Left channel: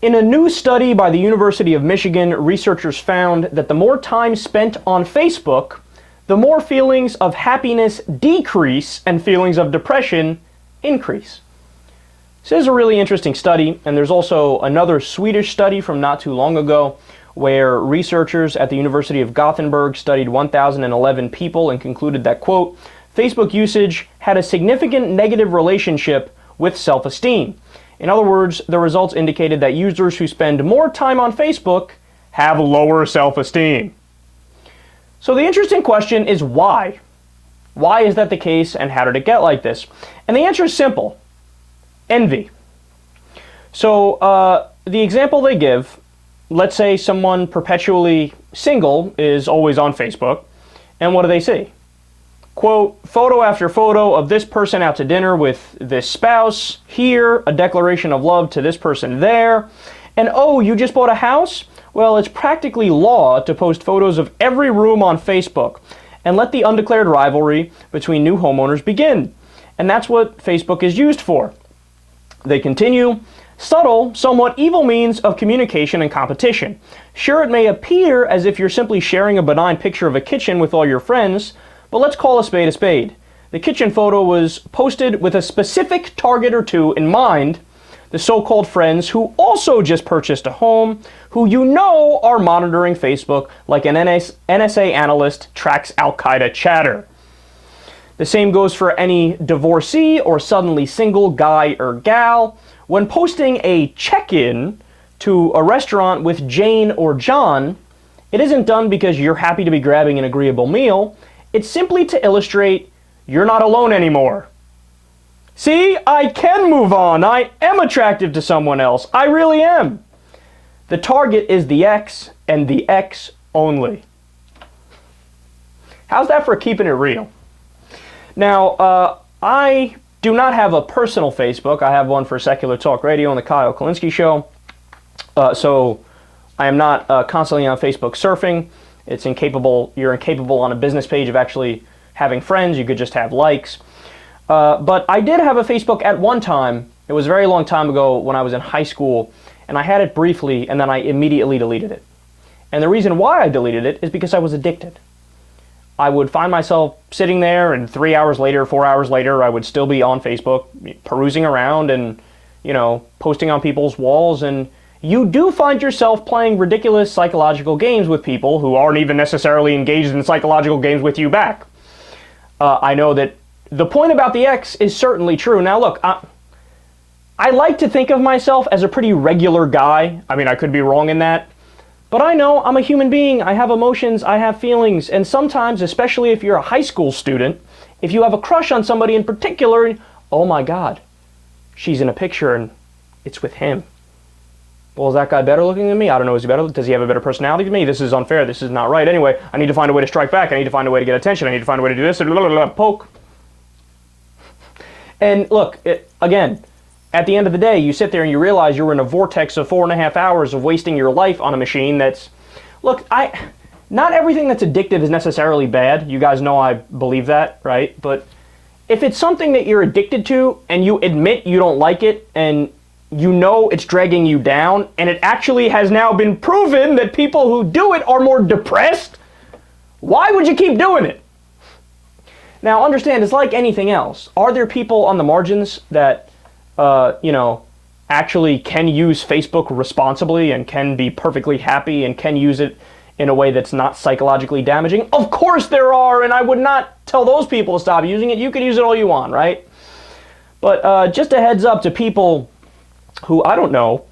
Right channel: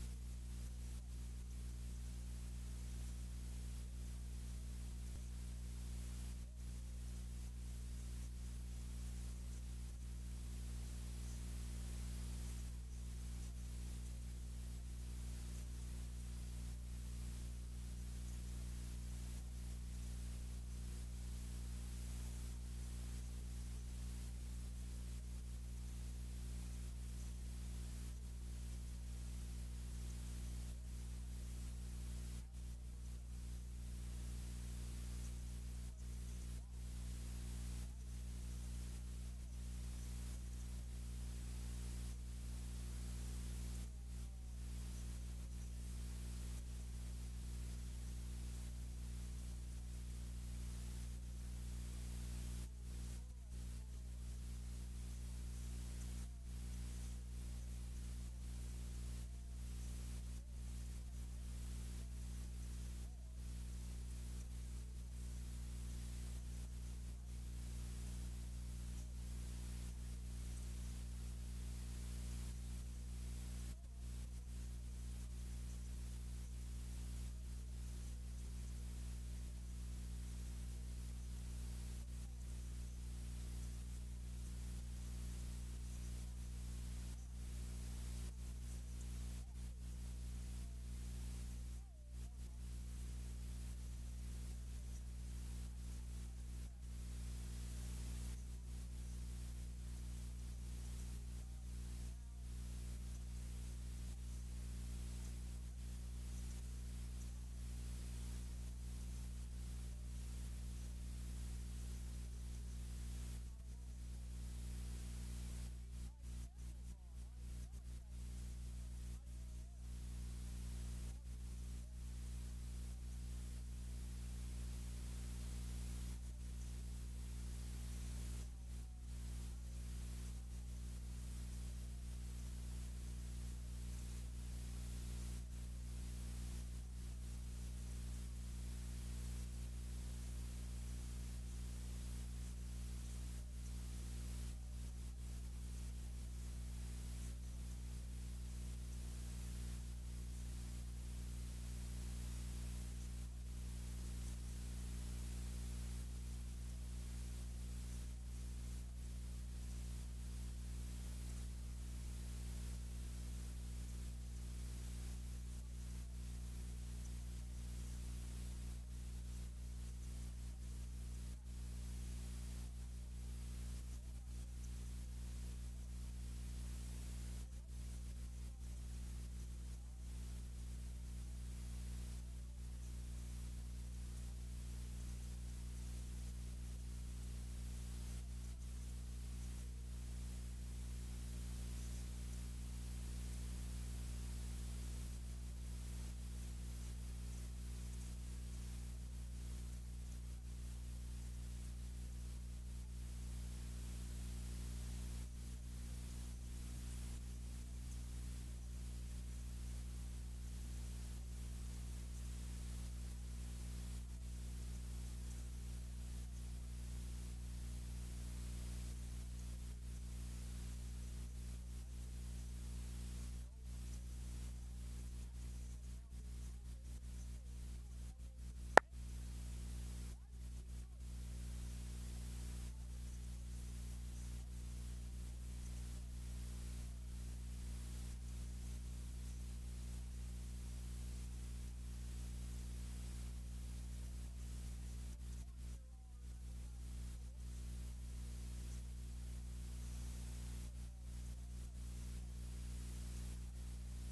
In a new study by the University of Michigan, researchers found that the more time spent on Facebook, the more feelings of happiness decrease and feelings of depression increase. This is a really interesting study, and there's also another Swedish study from not too long ago where researchers at the University of Gothenburg studied 1,011 people and concluded that, quote, Facebook usage had a significant negative relationship with self-esteem. In other words, the results indicated that users who spend more time on Facebook have lower self-esteem. So the interesting question is why? Why is that the case, and how did it get like this? And the answer is simple. Envy. So the example they give, let's say someone perpetually single is always on Facebook, and what do they see? Quote, photo after photo of this person out to dinner with this spouse, here, a declaration of love to this person there, and oh, you just bought a house? Well, it's practically law to post photos of every room on Facebook and let the undeclared rivalry between new homeowners begin. And that's what Facebook is used for. They continue, subtle, somewhat evil means of communication and competition. Sure, it may appear as if you're simply sharing a benign picture of a kitchen with all your friends, but let's call a spade a spade. The kitchen photo was posted with a specific target or two in mind, the so-called friends who also just purchased a home, who you know are monitoring Facebook like an NSA analyst tracks Al-Qaeda chatter. The same goes for any divorcee or suddenly single guy or gal. When posting a check-in to a restaurant with Jane or John, it isn't done because you're happy to be grabbing an agreeable meal. It's simply to illustrate you're not alone anymore. See, I can move on. I am attractive to someone else. I really am. The target is the X and the X only. How's that for keeping it real? Now, I do not have a personal Facebook. I have one for Secular Talk Radio and the Kyle Kulinski Show. So I am not constantly on Facebook surfing. It's incapable. You're incapable on a business page of actually having friends. You could just have likes. But I did have a Facebook at one time. It was a very long time ago when I was in high school, and I had it briefly, and then I immediately deleted it. And the reason why I deleted it is because I was addicted. I would find myself sitting there, and 3 hours later, 4 hours later, I would still be on Facebook, perusing around and, you know, posting on people's walls. And you do find yourself playing ridiculous psychological games with people who aren't even necessarily engaged in psychological games with you back. I know that the point about the X is certainly true. Now, look, I like to think of myself as a pretty regular guy. I mean, I could be wrong in that. But I know I'm a human being. I have emotions. I have feelings. And sometimes, especially if you're a high school student, if you have a crush on somebody in particular, oh my God, she's in a picture and it's with him. Well, is that guy better looking than me? I don't know. Is he better? Does he have a better personality than me? This is unfair. This is not right. Anyway, I need to find a way to strike back. I need to find a way to get attention. I need to find a way to do this. Poke. And look, again, at the end of the day, you sit there and you realize you're in a vortex of 4.5 hours of wasting your life on a machine that's... Look, not everything that's addictive is necessarily bad. You guys know I believe that, right? But if it's something that you're addicted to and you admit you don't like it and you know it's dragging you down, and it actually has now been proven that people who do it are more depressed, why would you keep doing it? Now, understand, it's like anything else. Are there people on the margins that actually can use Facebook responsibly and can be perfectly happy and can use it in a way that's not psychologically damaging? Of course there are, and I would not tell those people to stop using it. You can use it all you want, right? But just a heads up to people who, I don't know,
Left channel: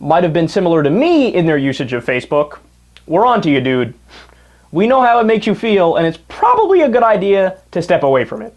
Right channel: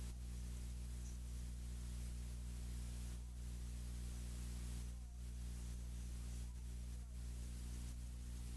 might have been similar to me in their usage of Facebook. We're on to you, dude. We know how it makes you feel, and it's probably a good idea to step away from it.